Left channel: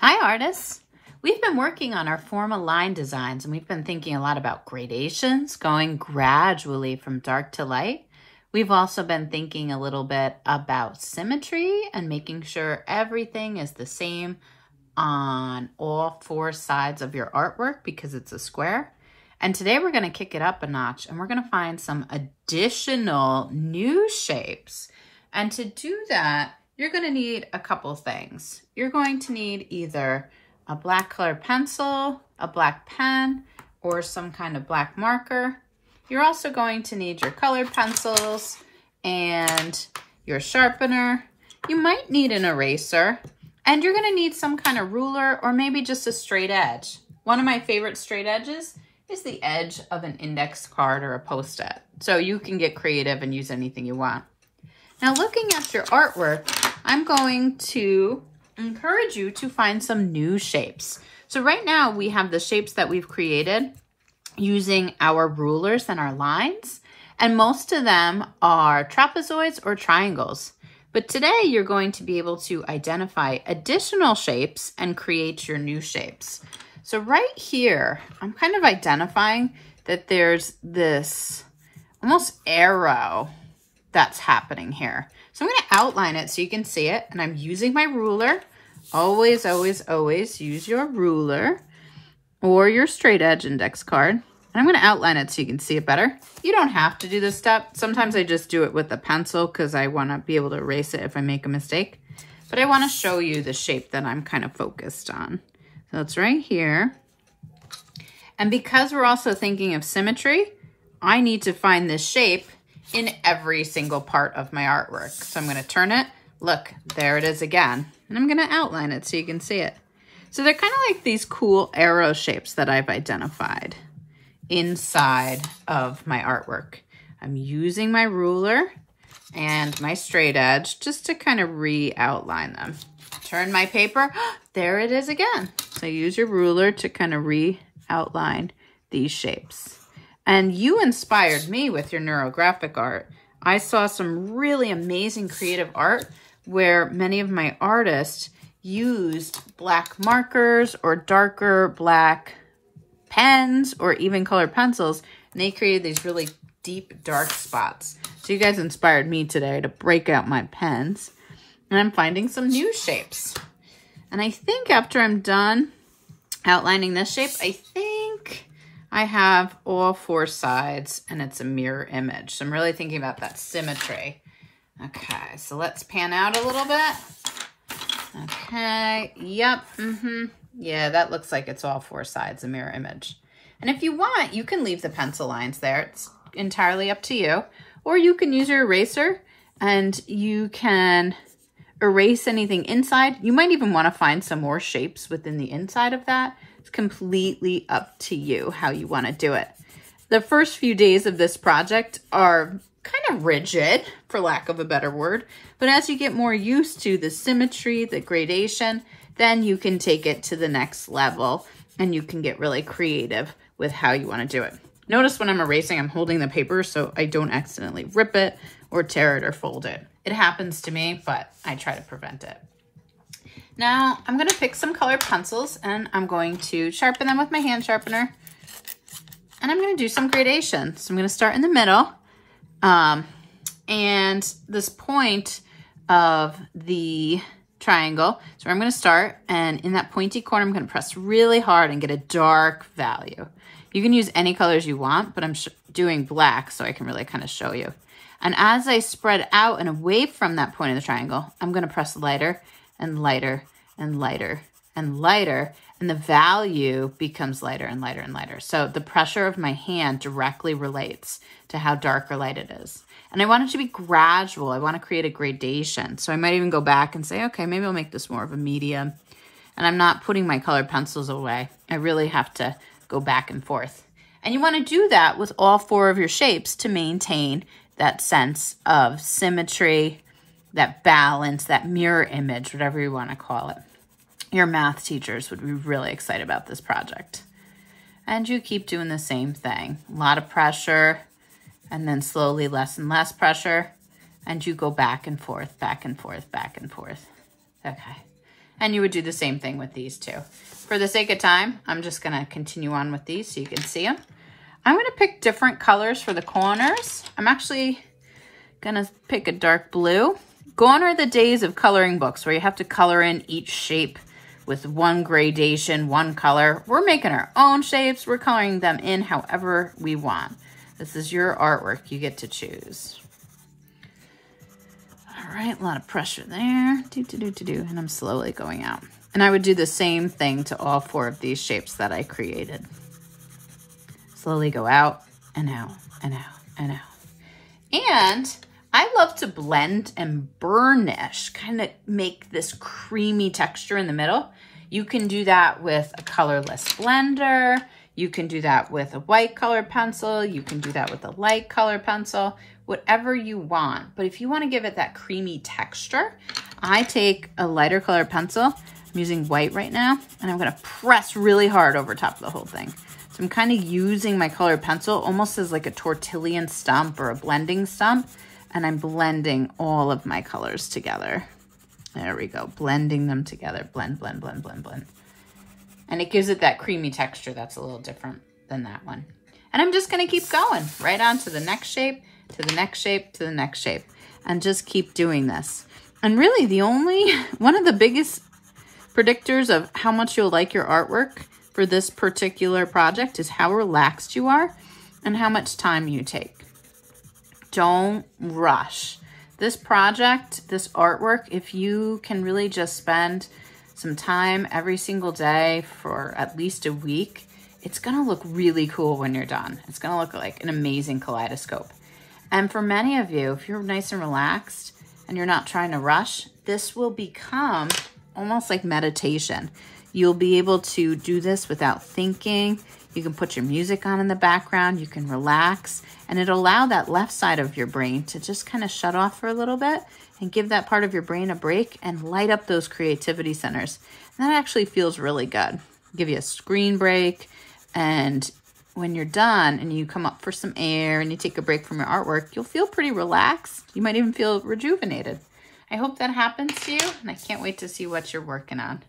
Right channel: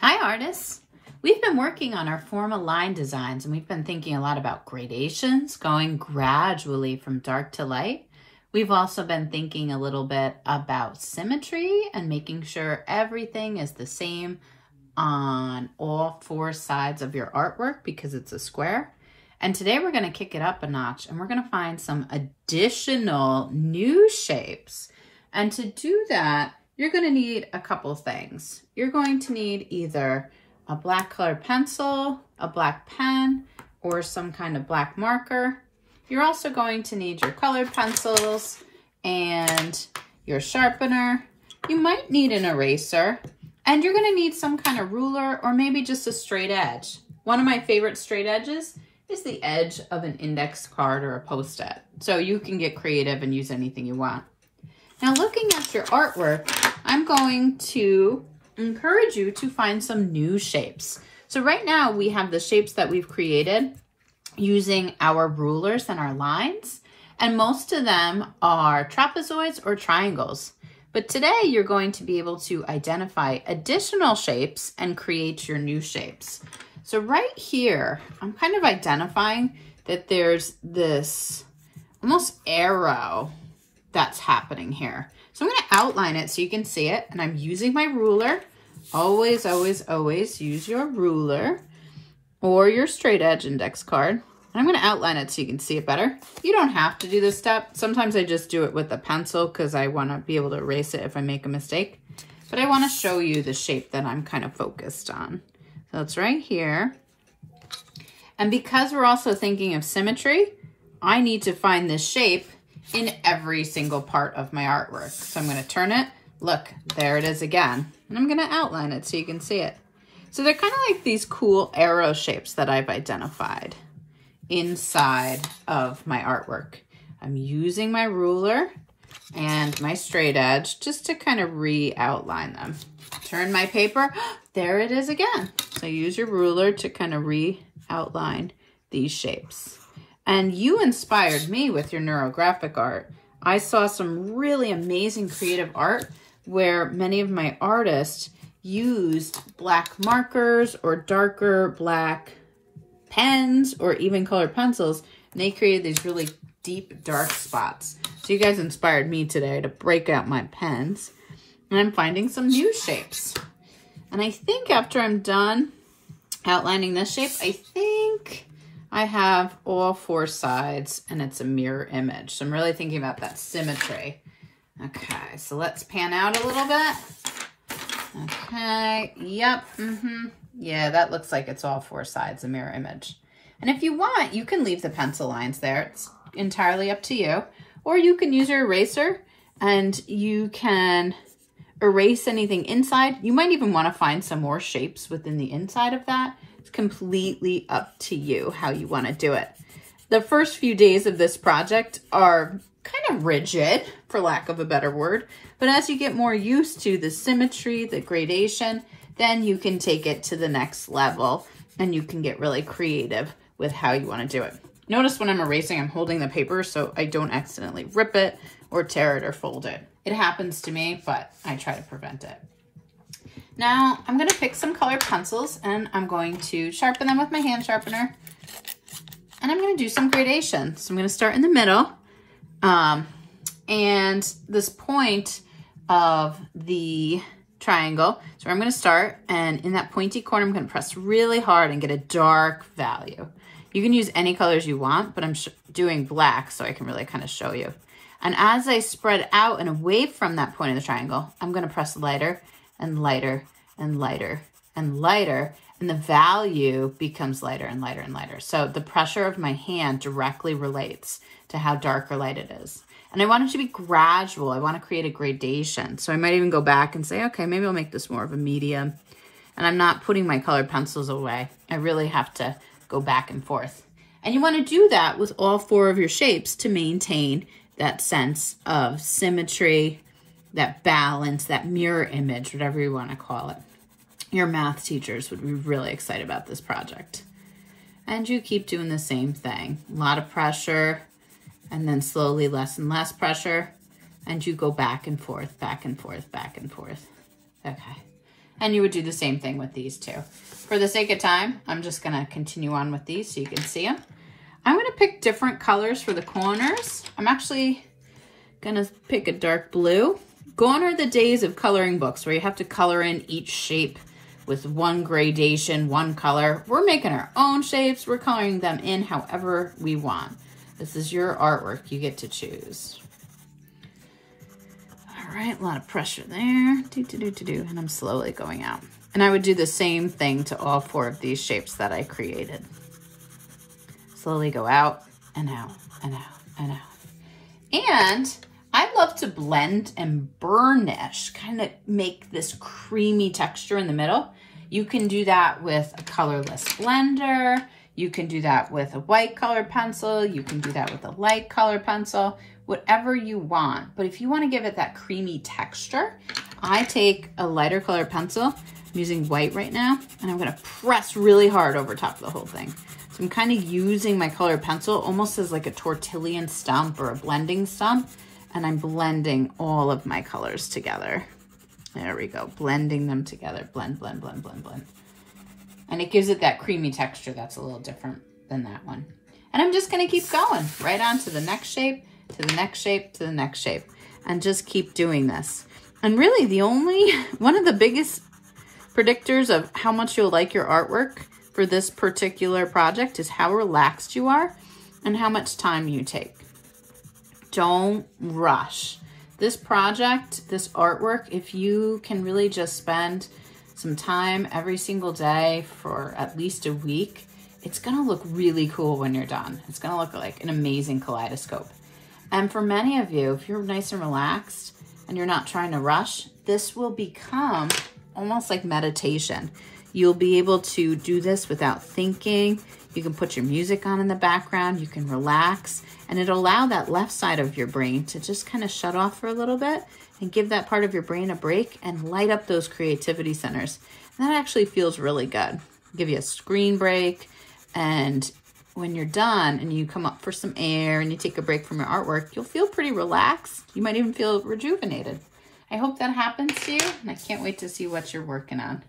Hi artists! We've been working on our formal line designs and we've been thinking a lot about gradations, going gradually from dark to light. We've also been thinking a little bit about symmetry and making sure everything is the same on all four sides of your artwork because it's a square. And today we're going to kick it up a notch and we're going to find some additional new shapes. And to do that, you're going to need a couple things. You're going to need either a black colored pencil, a black pen, or some kind of black marker. You're also going to need your colored pencils and your sharpener. You might need an eraser, and you're going to need some kind of ruler or maybe just a straight edge. One of my favorite straight edges is the edge of an index card or a Post-it. So you can get creative and use anything you want. Now, looking at your artwork, I'm going to encourage you to find some new shapes. So right now we have the shapes that we've created using our rulers and our lines, and most of them are trapezoids or triangles. But today you're going to be able to identify additional shapes and create your new shapes. So right here, I'm kind of identifying that there's this almost arrow that's happening here. So I'm going to outline it so you can see it, and I'm using my ruler. Always, always, always use your ruler or your straight edge index card. And I'm going to outline it so you can see it better. You don't have to do this step. Sometimes I just do it with a pencil because I want to be able to erase it if I make a mistake. But I want to show you the shape that I'm kind of focused on. So it's right here. And because we're also thinking of symmetry, I need to find this shape in every single part of my artwork. So I'm going to turn it. Look, there it is again. And I'm going to outline it so you can see it. So they're kind of like these cool arrow shapes that I've identified inside of my artwork. I'm using my ruler and my straight edge just to kind of re-outline them. Turn my paper. There it is again. So use your ruler to kind of re-outline these shapes. And you inspired me with your neurographic art. I saw some really amazing creative art where many of my artists used black markers or darker black pens or even colored pencils, and they created these really deep, dark spots. So you guys inspired me today to break out my pens, and I'm finding some new shapes. And I think after I'm done outlining this shape, I think I have all four sides and it's a mirror image. So I'm really thinking about that symmetry. Okay, so let's pan out a little bit. Okay, yep, yeah, that looks like it's all four sides, a mirror image. And if you want, you can leave the pencil lines there. It's entirely up to you. Or you can use your eraser and you can erase anything inside. You might even want to find some more shapes within the inside of that. It's completely up to you how you want to do it. The first few days of this project are kind of rigid, for lack of a better word, but as you get more used to the symmetry, the gradation, then you can take it to the next level and you can get really creative with how you want to do it. Notice when I'm erasing, I'm holding the paper so I don't accidentally rip it or tear it or fold it. It happens to me, but I try to prevent it. Now I'm going to pick some colored pencils and I'm going to sharpen them with my hand sharpener. And I'm going to do some gradation. So I'm going to start in the middle. And this point of the triangle, so I'm going to start, and in that pointy corner, I'm going to press really hard and get a dark value. You can use any colors you want, but I'm doing black so I can really kind of show you. And as I spread out and away from that point of the triangle, I'm going to press lighter and lighter and lighter and lighter, and the value becomes lighter and lighter and lighter. So the pressure of my hand directly relates to how dark or light it is. And I want it to be gradual. I want to create a gradation. So I might even go back and say, okay, maybe I'll make this more of a medium. And I'm not putting my colored pencils away. I really have to go back and forth. And you want to do that with all four of your shapes to maintain that sense of symmetry, that balance, that mirror image, whatever you want to call it. Your math teachers would be really excited about this project. And you keep doing the same thing. A lot of pressure, and then slowly less and less pressure, and you go back and forth, back and forth, back and forth. Okay. And you would do the same thing with these two. For the sake of time, I'm just gonna continue on with these so you can see them. I'm gonna pick different colors for the corners. I'm actually gonna pick a dark blue. Gone are the days of coloring books where you have to color in each shape with one gradation, one color. We're making our own shapes. We're coloring them in however we want. This is your artwork. You get to choose. All right, a lot of pressure there. And I'm slowly going out. And I would do the same thing to all 4 of these shapes that I created. Slowly go out and out and out and out. And I love to blend and burnish, kind of make this creamy texture in the middle. You can do that with a colorless blender. You can do that with a white colored pencil. You can do that with a light colored pencil, whatever you want. But if you want to give it that creamy texture, I take a lighter colored pencil. I'm using white right now, and I'm going to press really hard over top of the whole thing. So I'm kind of using my colored pencil almost as like a tortillion stump or a blending stump. And I'm blending all of my colors together. There we go, blending them together. Blend, blend, blend, blend, blend. And it gives it that creamy texture that's a little different than that one. And I'm just gonna keep going right on to the next shape, to the next shape, to the next shape, and just keep doing this. And really one of the biggest predictors of how much you'll like your artwork for this particular project is how relaxed you are and how much time you take. Don't rush. This project, this artwork, if you can really just spend some time every single day for at least a week, it's gonna look really cool when you're done. It's gonna look like an amazing kaleidoscope. And for many of you, if you're nice and relaxed and you're not trying to rush, this will become almost like meditation. You'll be able to do this without thinking. You can put your music on in the background, you can relax, and it'll allow that left side of your brain to just kind of shut off for a little bit and give that part of your brain a break and light up those creativity centers. And that actually feels really good. Give you a screen break, and when you're done and you come up for some air and you take a break from your artwork, you'll feel pretty relaxed. You might even feel rejuvenated. I hope that happens to you, and I can't wait to see what you're working on.